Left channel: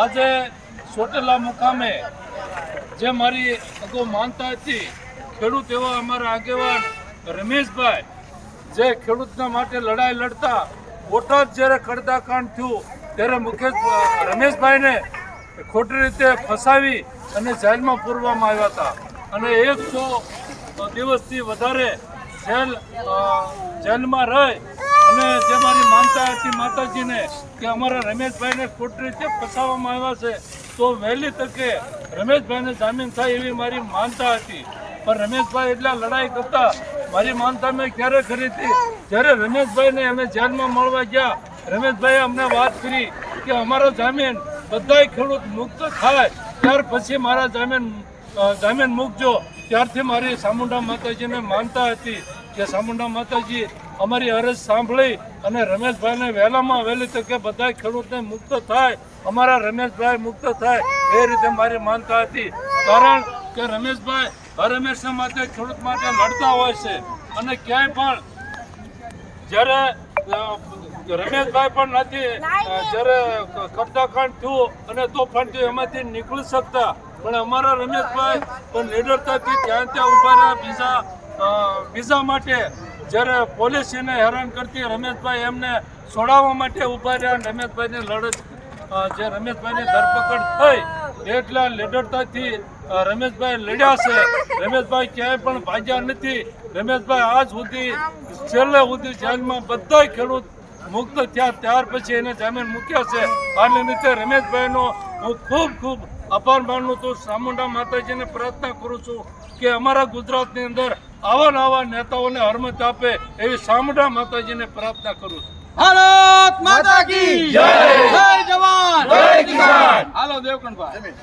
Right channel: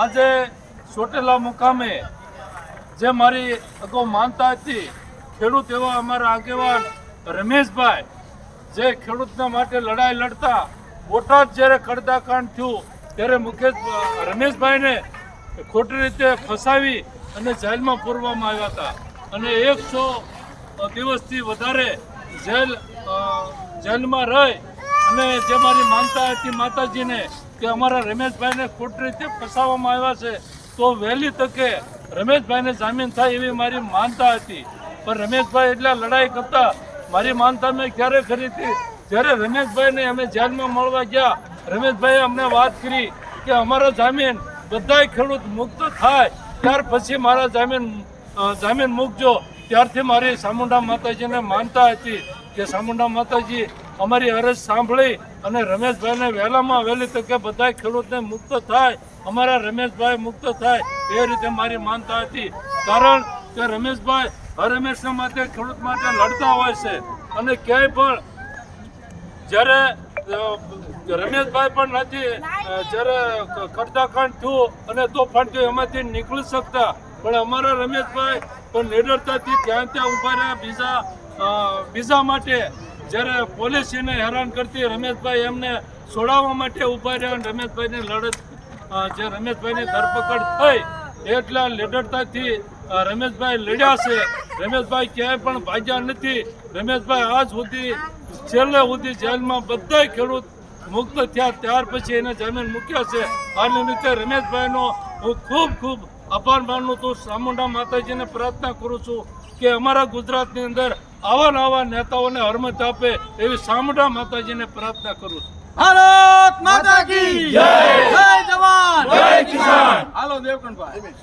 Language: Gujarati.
આજે ચોટેલા મુકામે જે મારી અગાઉ માનતા હતી ખેડૂત એવા અમારા આગેવાન રમેશભાઈ જે ખેડૂતના માટે લડાઈ લડતા બોટાદ જ્યારે કડદાકાંડ થયું ત્યારે રમેશભાઈને ખોટી રીતે ફસાવી અને જેલમાં પૂરવામાં આવ્યા હતા અને 100 દિવસથી વધારે જેલમાં રહી અને જે મારી માનતા હતી માતાજીને કે અમારા રમેશભાઈને ખોટી રીતે ફસાવવામાં આવ્યા છે તો વહેલી તકે રમેશભાઈને જામીન થાય એવી મારી માનતા હતી. પણ રમેશભાઈ એટલા લડાઈ કરતા મારી માનતા મેં ક્યારે કરી હતી જ્યારે રમેશભાઈને અમે જેલમાં મળવા ગયા રમેશભાઈએ અમને વાત કરી કે અમારો જામીન બધા ખેડૂત મુક્ત થાય ત્યાર પછી મારા જામીન મૂકજો. ત્યારથી મારી ચામુંડા માતાજીને માનતા હતી કે ચામુંડા માતાજી અમારી અરજ સાંભળી અને રમેશભાઈને વહેલામાં વહેલી તકે બધા ખેડૂતને મુક્ત થાય અમારા રમેશભાઈ મુક્ત થાય એ રીતે મારી માનતા હતી. કારણ કે રમેશભાઈ હંમેશા માટે ખેડૂત માટે લડતા હોય છે અને ક્યાંય પણ જ્યારે રમેશભાઈ પણ નથી જ્યારે કડદાકાંડ થયું અને તોફાન થયું એમાંથી નીકળી શકતા પણ અમારા રમેશભાઈ પણ નિડરતાથી ત્યાં ઊભા રહ્યા બીજા માટે જ્યારે પોલીસ એને હેરાન કરતી રમેશભાઈ એમને છોડાવવા માટે ઊભા રહ્યા અને રમેશભાઈની લડત જે રમેશભાઈની ધરપકડ થઈ એટલા નિડરતાથી રમેશભાઈ લડ્યા છે. રમેશભાઈ ક્યાંય પણ ભાગ્યા નથી. રમેશભાઈ આજ સુધી છેલ્લે સુધી જેલમાં બધા ખેડૂત મુક્ત થયા ત્યાર પછી એને જામીન મૂક્યા છે. આ નિમિત્તે રમેશભાઈનો હું ખૂબ આભાર માનું છું. ચામુંડા માતાજીને પ્રાર્થના કરું છું કે અમારા ગુજરાતની અંદર આવા નેતાઓને હરમત આપે એવી ચામુંડા માતાજીને પ્રાર્થના કરું છું. ભારત માતા કી જય, જય જવાન, જય કિસાન. હાલો દેવકણભાઈ.